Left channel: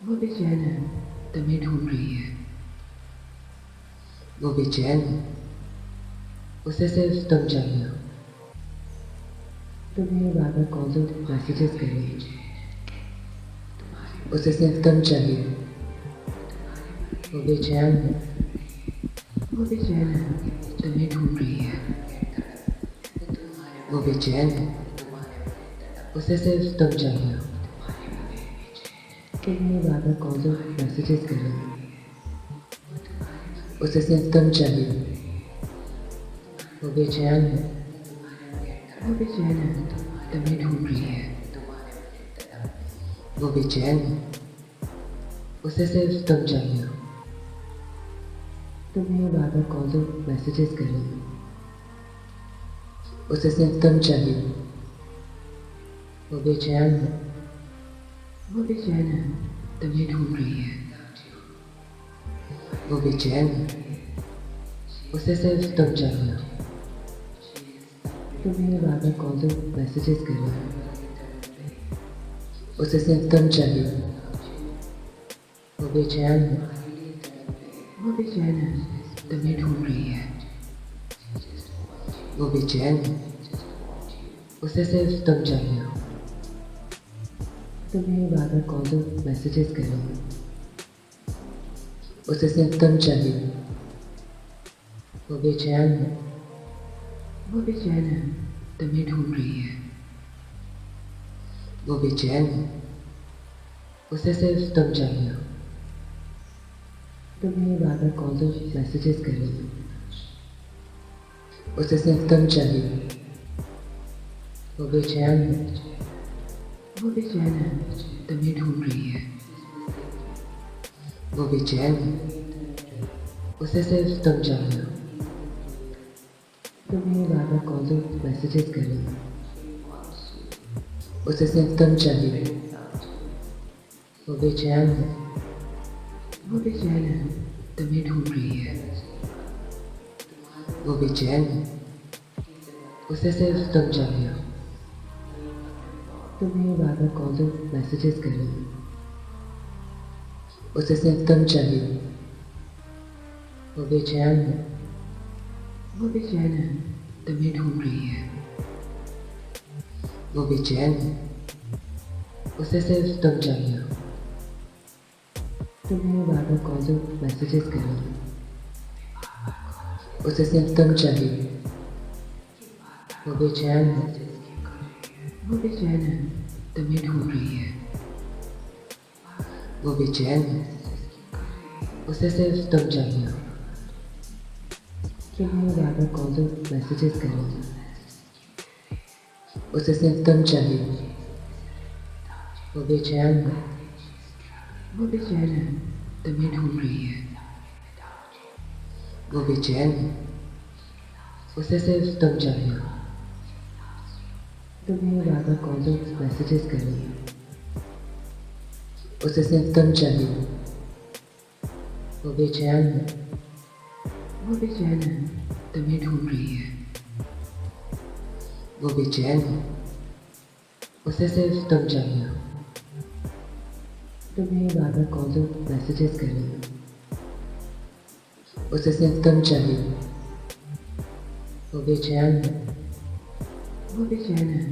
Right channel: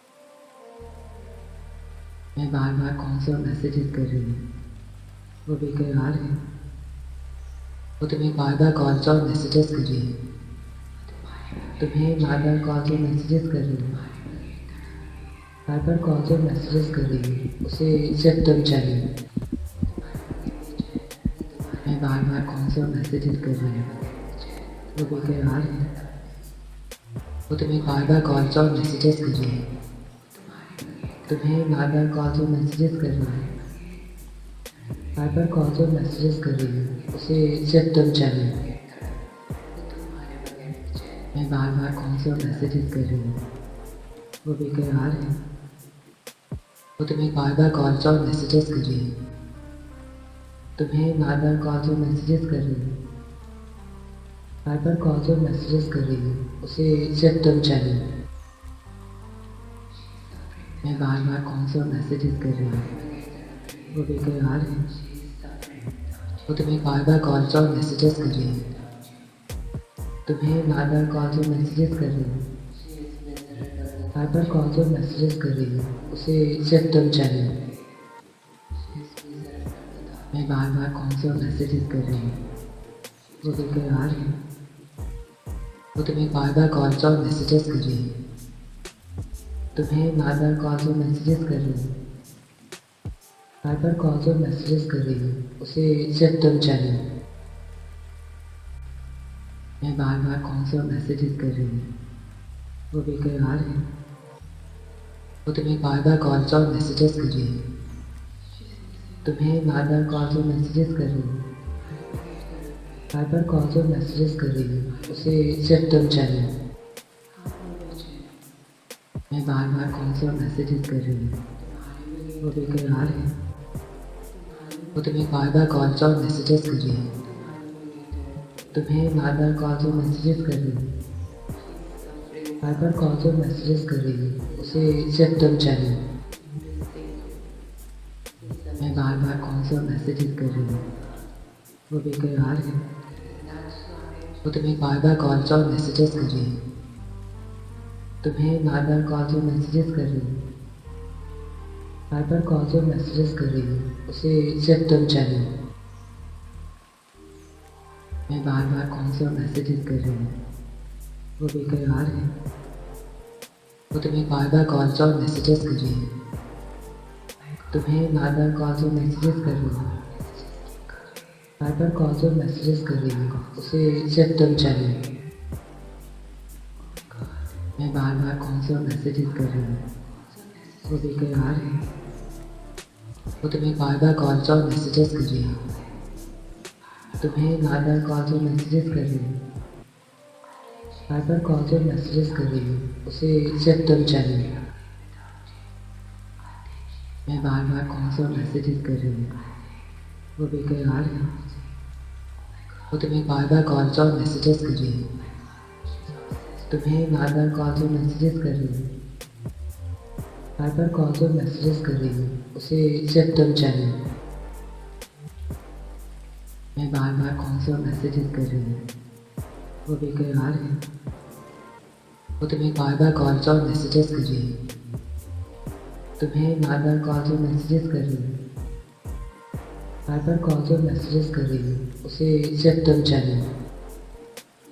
वो बेचैन है, तुम्हें ढूंढ रही है। मैं बार बार कौन सा मैसेजेस कर रही हूँ। वो बेचैन है, वो बेकरार है, उसे सिर्फ तुम चाहिए। वो तुम्हें बार बार कौन सा मैसेजेस कर रही है। तुम्हें बार बार कौन सा मैसेजेस कर रही है। बार बार कौन सा मैसेजेस कर रही है। उसे सिर्फ तुम चाहिए। बार बार कौन सा मैसेजेस कर रही है। वो बेचैन है, सिर्फ तुम चाहिए। वो बेचैन है, तुम्हें ढूंढ रही है। मैं बार बार कौन सा मैसेजेस कर रही हूँ। वो बेचैन है, वो बेकरार है, उसे सिर्फ तुम चाहिए। वो तुम्हें बार बार कॉल और मैसेजेस कर रही है। बार बार कॉल और मैसेजेस कर रही है। बार बार कॉल और मैसेजेस कर रही है, उसे सिर्फ तुम चाहिए। बार बार कॉल और मैसेजेस कर रही है। वो बेचैन है, सिर्फ तुम चाहिए। वो बेचैन है, तुम्हें ढूंढ रही है। मैं बार बार कॉल और मैसेजेस कर रही हूँ। वो बेचैन है, वो बेकरार है, उसे सिर्फ तुम चाहिए। वो तुम्हें बार बार कॉल और मैसेजेस कर रही है। बार बार कॉल और मैसेजेस कर रही है। बार बार कॉल और मैसेजेस कर रही है, उसे सिर्फ तुम चाहिए। बार बार कॉल और मैसेजेस कर रही है। वो बेचैन है, सिर्फ तुम चाहिए। वो बेचैन है, तुम्हें ढूंढ रही है। मैं बार बार कौन सा मैसेजेस कर रही हूँ। वो बेचैन है, वो बेकरार है, उसे सिर्फ तुम चाहिए। वो तुम्हें बार बार कॉल और मैसेजेस कर रही है। बार बार कॉल और मैसेजेस कर रही है। बार बार कॉल और मैसेजेस कर रही है, उसे सिर्फ तुम चाहिए। बार बार कॉल और मैसेजेस कर रही है। वो बेचैन है, सिर्फ तुम चाहिए। वो बेचैन है, तुम्हें ढूंढ रही है। मैं बार बार कौन सा मैसेजेस कर रही हूँ। वो बेचैन है, वो बेकरार है, उसे सिर्फ तुम चाहिए। वो तुम्हें बार बार कॉल और मैसेजेस कर रही है। बार बार कॉल और मैसेजेस कर रही है। बार बार कॉल और मैसेजेस कर रही है, उसे सिर्फ तुम चाहिए। बार बार कॉल और मैसेजेस कर रही है। वो बेचैन है, सिर्फ तुम चाहिए। वो बेचैन है, तुम्हें ढूंढ रही है। मैं बार बार कौन सा मैसेजेस कर रही हूँ। वो बेचैन है, वो बेकरार है, उसे सिर्फ तुम चाहिए। वो तुम्हें बार बार कॉल और मैसेजेस कर रही है। बार बार कॉल और मैसेजेस कर रही है। बार बार कॉल और मैसेजेस कर रही है, उसे सिर्फ तुम चाहिए। बार बार कॉल और मैसेजेस कर रही है। वो बेचैन है, सिर्फ तुम चाहिए। वो बेचैन है, तुम्हें ढूंढ रही है। मैं बार बार कौन सा मैसेजेस कर रही हूँ। वो बेचैन है, वो बेकरार है, उसे सिर्फ तुम चाहिए। वो तुम्हें बार बार कॉल और मैसेजेस कर रही है। बार बार कॉल और मैसेजेस कर रही है। बार बार कॉल और मैसेजेस कर रही है, उसे सिर्फ तुम चाहिए। बार बार कॉल और मैसेजेस कर रही है। वो बेचैन है, सिर्फ तुम चाहिए। वो बेचैन है, तुम्हें ढूंढ रही है। मैं बार बार कौन सा मैसेजेस कर रही हूँ। वो बेचैन है, वो बेकरार है, उसे सिर्फ तुम चाहिए। वो तुम्हें बार बार कॉल और मैसेजेस कर रही है। बार बार कॉल और मैसेजेस कर रही है। बार बार कॉल और मैसेजेस कर रही है, उसे सिर्फ तुम चाहिए। बार बार कॉल और मैसेजेस कर रही है। वो बेचैन है, सिर्फ तुम चाहिए। वो बेचैन है, तुम्हें ढूंढ रही है। मैं बार बार कौन सा मैसेजेस कर रही हूँ। वो बेचैन है, वो बेकरार है, उसे सिर्फ तुम चाहिए। वो तुम्हें बार बार कॉल और मैसेजेस कर रही है। बार बार कॉल और मैसेजेस कर रही है। बार बार कॉल और मैसेजेस कर रही है, उसे सिर्फ तुम चाहिए। बार बार कॉल और मैसेजेस कर रही है। वो बेचैन है, सिर्फ तुम चाहिए। वो बेचैन है, तुम्हें ढूंढ रही है। मैं बार बार कौन सा मैसेजेस कर रही हूँ। वो बेचैन है, वो बेकरार है, उसे सिर्फ तुम चाहिए। वो तुम्हें बार बार कॉल और मैसेजेस कर रही है। बार बार कॉल और मैसेजेस कर रही है। बार बार कॉल और मैसेजेस कर रही है, उसे सिर्फ तुम चाहिए। बार बार कॉल और मैसेजेस कर रही है। वो बेचैन है, सिर्फ तुम चाहिए। वो बेचैन है, तुम्हें ढूंढ रही है। मैं बार बार कौन सा मैसेजेस कर रही हूँ। वो बेचैन है, वो बेकरार है, उसे सिर्फ तुम चाहिए। वो तुम्हें बार बार कॉल और मैसेजेस कर रही है। बार बार कॉल और मैसेजेस कर रही है। बार बार कॉल और मैसेजेस कर रही है, उसे सिर्फ तुम चाहिए। बार बार कॉल और मैसेजेस कर रही है। वो बेचैन है, सिर्फ तुम चाहिए। वो बेचैन है, तुम्हें ढूंढ रही है। मैं बार बार कौन सा मैसेजेस कर रही हूँ। वो बेचैन है, वो बेकरार है, उसे सिर्फ तुम चाहिए। वो तुम्हें बार बार कॉल और मैसेजेस कर रही है। बार बार कॉल और मैसेजेस कर रही है। बार बार कॉल और मैसेजेस कर रही है, उसे सिर्फ तुम चाहिए। बार बार कॉल और मैसेजेस कर रही है। वो बेचैन है, सिर्फ तुम चाहिए। वो बेचैन है,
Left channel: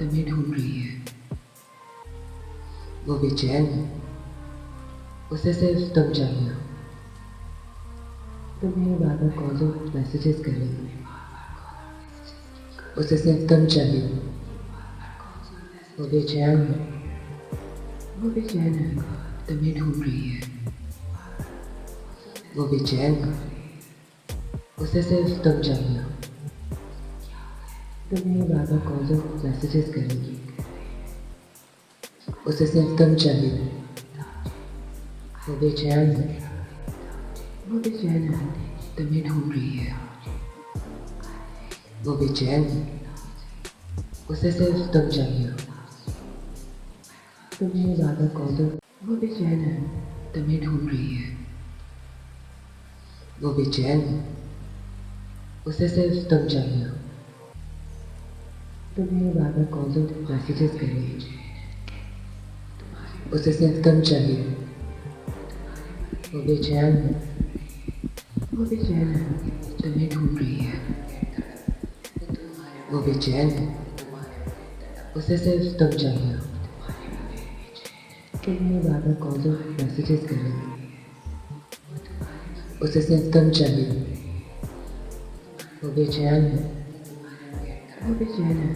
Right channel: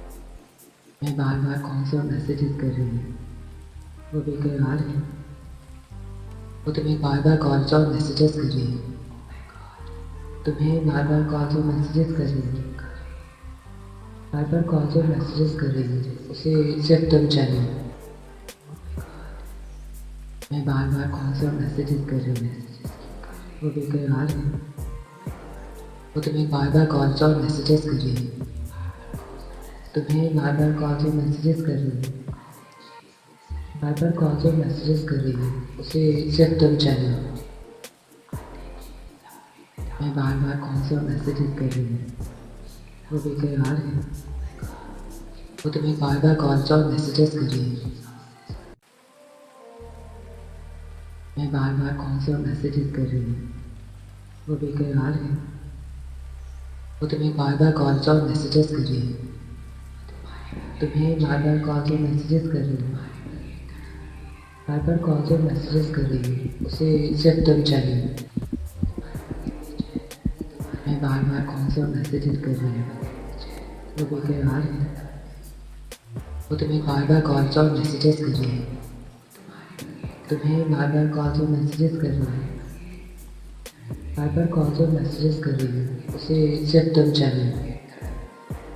तुम्हें ढूंढ रही है। मैं बार बार कौन सा मैसेजेस कर रही हूँ। वो बेचैन है, वो बेकरार है, उसे सिर्फ तुम चाहिए। वो तुम्हें बार बार कॉल और मैसेजेस कर रही है। बार बार कॉल और मैसेजेस कर रही है। बार बार कॉल और मैसेजेस कर रही है, उसे सिर्फ तुम चाहिए। बार बार कॉल और मैसेजेस कर रही है। वो बेचैन है, सिर्फ तुम चाहिए। वो बेचैन है, तुम्हें ढूंढ रही है। मैं बार बार कौन सा मैसेजेस कर रही हूँ। वो बेचैन है, वो बेकरार है, उसे सिर्फ तुम चाहिए। वो तुम्हें बार बार कॉल और मैसेजेस कर रही है। बार बार कॉल और मैसेजेस कर रही है। बार बार कॉल और मैसेजेस कर रही है, उसे सिर्फ तुम चाहिए। बार बार कॉल और मैसेजेस कर रही है। वो बेचैन है, सिर्फ तुम चाहिए। वो बेचैन है, तुम्हें ढूंढ रही है। मैं बार बार कौन सा मैसेजेस कर रही हूँ। वो बेचैन है, वो बेकरार है, उसे सिर्फ तुम चाहिए। वो तुम्हें बार बार कॉल और मैसेजेस कर रही है। बार बार कॉल और वो बेचैन है, तुम्हें ढूंढ रही है। मैं बार बार कौन सा मैसेजेस कर रही हूँ। वो बेचैन है, वो बेकरार है, उसे सिर्फ तुम चाहिए, वो तुम्हें बार बार कॉल्स और मैसेजेस कर रही है, तुम्हें बार बार कॉल्स और मैसेजेस कर रही है, बार बार कॉल्स और मैसेजेस कर रही है, उसे सिर्फ तुम चाहिए, बार बार कॉल्स और मैसेजेस कर रही है, वो बेचैन है, सिर्फ तुम चाहिए, वो बेचैन है, तुम्हें ढूंढ रही है, मैं बार बार कॉल्स और मैसेजेस कर रही हूँ, वो बेचैन है, वो बेकरार है, उसे सिर्फ तुम चाहिए, वो तुम्हें बार बार कॉल्स और मैसेजेस कर रही है, तुम्हें बार बार कॉल्स और मैसेजेस कर रही है, बार बार कॉल्स और मैसेजेस कर रही है, उसे सिर्फ तुम चाहिए, बार बार कॉल्स और मैसेजेस कर रही है, वो बेचैन है, सिर्फ तुम चाहिए, वो बेचैन है,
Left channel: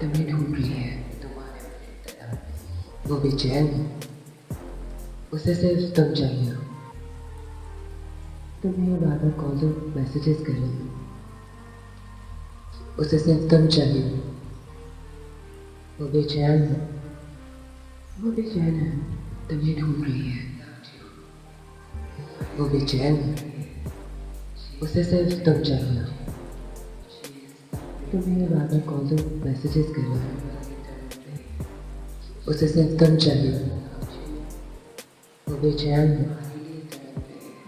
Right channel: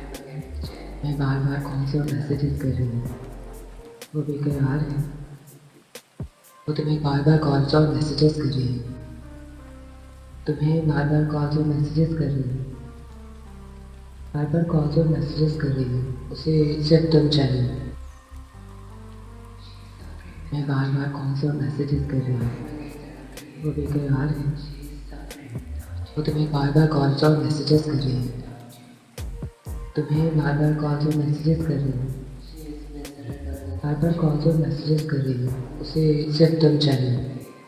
तुम्हें ढूंढ रही है, मैं बार बार कॉल्स और मैसेजेस कर रही हूँ, वो बेचैन है, वो बेकरार है, उसे सिर्फ तुम चाहिए, वो तुम्हें बार बार कॉल्स और मैसेजेस कर रही है, तुम्हें बार बार कॉल्स और मैसेजेस कर रही है, बार बार कॉल्स और मैसेजेस कर रही है, उसे सिर्फ तुम चाहिए, बार बार कॉल्स और मैसेजेस कर रही है, वो बेचैन है, सिर्फ तुम चाहिए, वो बेचैन है, तुम्हें ढूंढ रही है, मैं बार बार कॉल्स और मैसेजेस कर रही हूँ, वो बेचैन है, वो बेकरार है, उसे सिर्फ तुम चाहिए, वो तुम्हें बार बार कॉल्स और मैसेजेस कर रही है, तुम्हें बार बार कॉल्स और मैसेजेस कर रही है, बार बार कॉल्स और मैसेजेस कर रही है, उसे सिर्फ तुम चाहिए, बार बार कॉल्स और मैसेजेस कर रही है, वो बेचैन है, सिर्फ तुम चाहिए,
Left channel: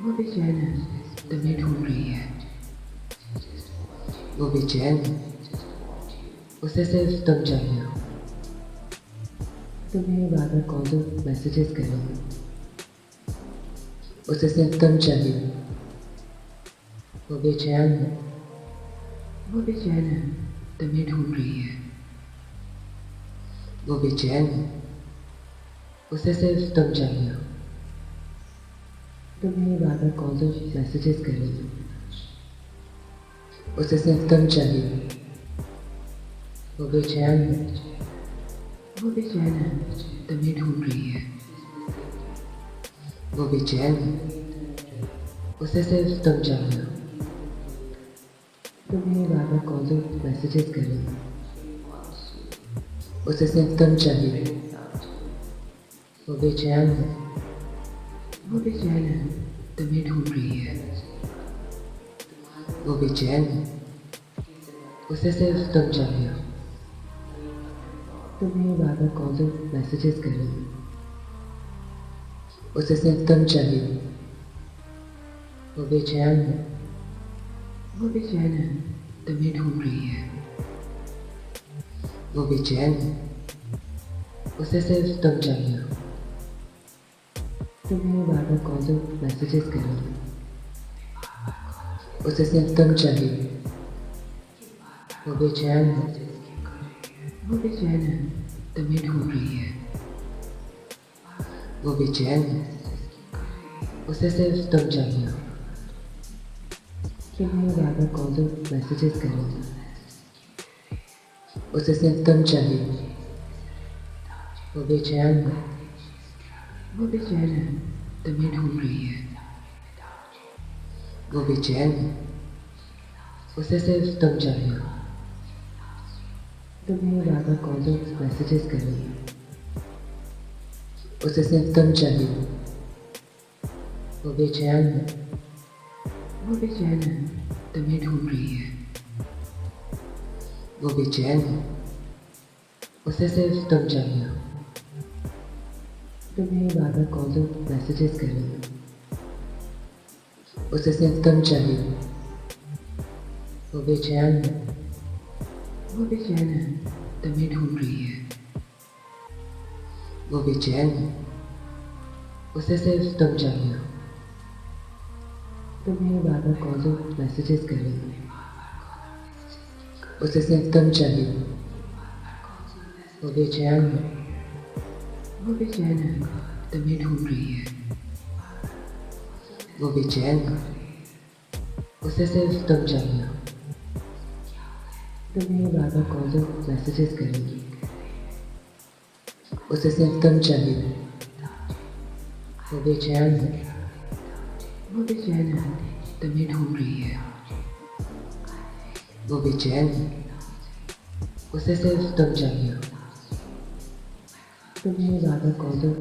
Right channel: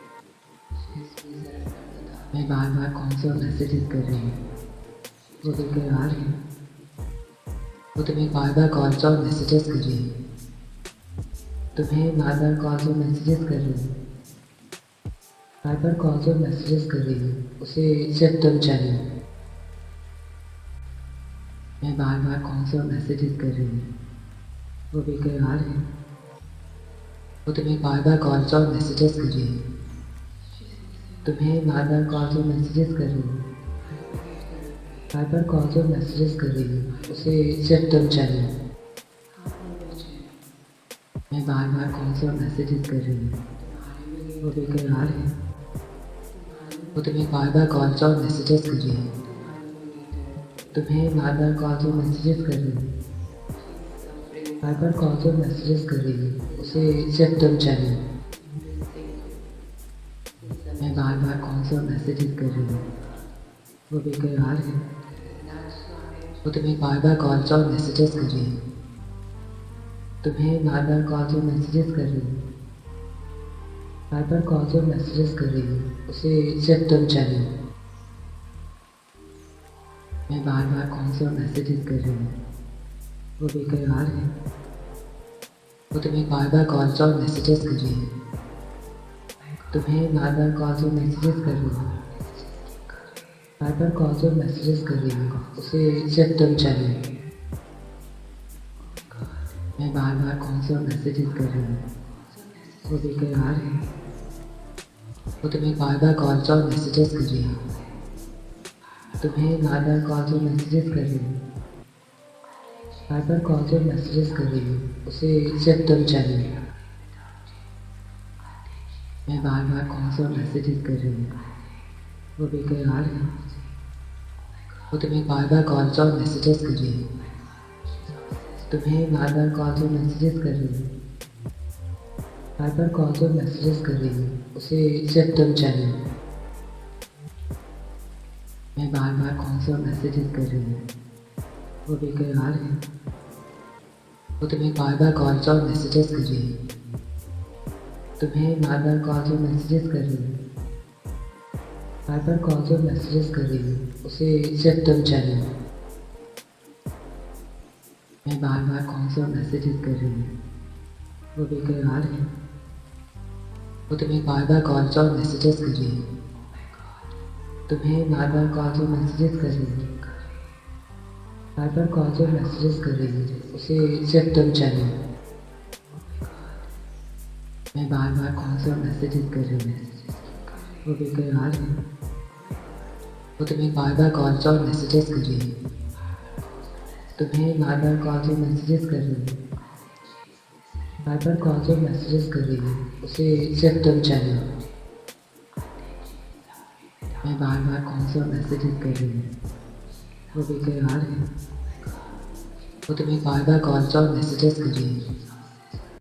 वो बेचैन है, तुम्हें ढूंढ रही है, मैं बार बार कॉल्स और मैसेजेस कर रही हूँ, वो बेचैन है, वो बेकरार है, उसे सिर्फ तुम चाहिए, वो तुम्हें बार बार कॉल्स और मैसेजेस कर रही है, तुम्हें बार बार कॉल्स और मैसेजेस कर रही है, बार बार कॉल्स और मैसेजेस कर रही है, उसे सिर्फ तुम चाहिए, बार बार कॉल्स और मैसेजेस कर रही है, वो बेचैन है, सिर्फ तुम चाहिए, वो बेचैन है, तुम्हें ढूंढ रही है, मैं बार बार कॉल्स और मैसेजेस कर रही हूँ, वो बेचैन है, वो बेकरार है, उसे सिर्फ तुम चाहिए, वो तुम्हें बार बार कॉल्स और मैसेजेस कर रही है, तुम्हें बार बार कॉल्स और मैसेजेस कर रही है, बार बार कॉल्स और मैसेजेस कर रही है, उसे सिर्फ तुम चाहिए, बार बार कॉल्स और मैसेजेस कर रही है, वो बेचैन है, सिर्फ तुम चाहिए, वो बेचैन है, तुम्हें ढूंढ रही है, मैं बार बार कॉल्स और मैसेजेस कर रही हूँ, वो बेचैन है, वो बेकरार है, उसे सिर्फ तुम चाहिए, वो तुम्हें बार बार कॉल्स और मैसेजेस कर रही है, तुम्हें बार बार कॉल्स और मैसेजेस कर रही है, बार बार कॉल्स और मैसेजेस कर रही है, उसे सिर्फ तुम चाहिए, बार बार कॉल्स और मैसेजेस कर रही है, वो बेचैन है, सिर्फ तुम चाहिए, वो बेचैन है, तुम्हें ढूंढ रही है, मैं बार बार कॉल्स और मैसेजेस कर रही हूँ, वो बेचैन है, वो बेकरार है, उसे सिर्फ तुम चाहिए, वो तुम्हें बार बार कॉल्स और मैसेजेस कर रही है, तुम्हें बार बार कॉल्स और मैसेजेस कर रही है, बार बार कॉल्स और मैसेजेस कर रही है, उसे सिर्फ तुम चाहिए, बार बार कॉल्स और मैसेजेस कर रही है, वो बेचैन है, सिर्फ तुम चाहिए, वो बेचैन है, तुम्हें ढूंढ रही है, मैं बार बार कॉल्स और मैसेजेस कर रही हूँ, वो बेचैन है, वो बेकरार है, उसे सिर्फ तुम चाहिए, वो तुम्हें बार बार कॉल्स और मैसेजेस कर रही है, तुम्हें बार बार कॉल्स और मैसेजेस कर रही है, बार बार कॉल्स और मैसेजेस कर रही है, उसे सिर्फ तुम चाहिए, बार बार कॉल्स और मैसेजेस कर रही है, वो बेचैन है, सिर्फ तुम चाहिए, वो बेचैन है, तुम्हें ढूंढ रही है, मैं बार बार कॉल्स और मैसेजेस कर रही हूँ, वो बेचैन है, वो बेकरार है, उसे सिर्फ तुम चाहिए, वो तुम्हें बार बार कॉल्स और मैसेजेस कर रही है, तुम्हें बार बार कॉल्स और मैसेजेस कर रही है, बार बार कॉल्स और मैसेजेस कर रही है, उसे सिर्फ तुम चाहिए, बार बार कॉल्स और मैसेजेस कर रही है, वो बेचैन है, सिर्फ तुम चाहिए, वो बेचैन है, तुम्हें ढूंढ रही है, मैं बार बार कॉल्स और मैसेजेस कर रही हूँ, वो बेचैन है, वो बेकरार है, उसे सिर्फ तुम चाहिए, वो तुम्हें बार बार कॉल्स और मैसेजेस कर रही है, तुम्हें बार बार कॉल्स और मैसेजेस कर रही है, बार बार कॉल्स और मैसेजेस कर रही है, उसे सिर्फ तुम चाहिए, बार बार कॉल्स और मैसेजेस कर रही है, वो बेचैन है, सिर्फ तुम चाहिए, वो बेचैन है, तुम्हें ढूंढ रही है, मैं बार बार कॉल्स और मैसेजेस कर रही हूँ, वो बेचैन है, वो बेकरार है, उसे सिर्फ तुम चाहिए, वो तुम्हें बार बार कॉल्स और मैसेजेस कर रही है, तुम्हें बार बार कॉल्स और मैसेजेस कर रही है, बार बार कॉल्स और मैसेजेस कर रही है, उसे सिर्फ तुम चाहिए, बार बार कॉल्स और मैसेजेस कर रही है, वो बेचैन है, सिर्फ तुम चाहिए, वो बेचैन है, तुम्हें ढूंढ रही है, मैं बार बार कॉल्स और मैसेजेस कर रही हूँ, वो बेचैन है, वो बेकरार है, उसे सिर्फ तुम चाहिए, वो तुम्हें बार बार कॉल्स और मैसेजेस कर रही है, तुम्हें बार बार कॉल्स और मैसेजेस कर रही है, बार बार कॉल्स और मैसेजेस कर रही है, उसे सिर्फ तुम चाहिए, बार बार कॉल्स और मैसेजेस कर रही है, वो बेचैन है, सिर्फ तुम चाहिए, वो बेचैन है, तुम्हें ढूंढ रही है, मैं बार बार कॉल्स और मैसेजेस कर रही हूँ, वो बेचैन है, वो बेकरार है, उसे सिर्फ तुम चाहिए, वो तुम्हें बार बार कॉल्स और मैसेजेस कर रही है, तुम्हें बार बार कॉल्स और मैसेजेस कर रही है, बार बार कॉल्स और मैसेजेस कर रही है, उसे सिर्फ तुम चाहिए, बार बार कॉल्स और मैसेजेस कर रही है, वो बेचैन है, सिर्फ तुम चाहिए, वो बेचैन है, तुम्हें ढूंढ रही है, मैं बार बार कॉल्स और मैसेजेस कर रही हूँ, वो बेचैन है, वो बेकरार है, उसे सिर्फ तुम चाहिए, वो तुम्हें बार बार कॉल्स और मैसेजेस कर रही है, तुम्हें बार बार कॉल्स और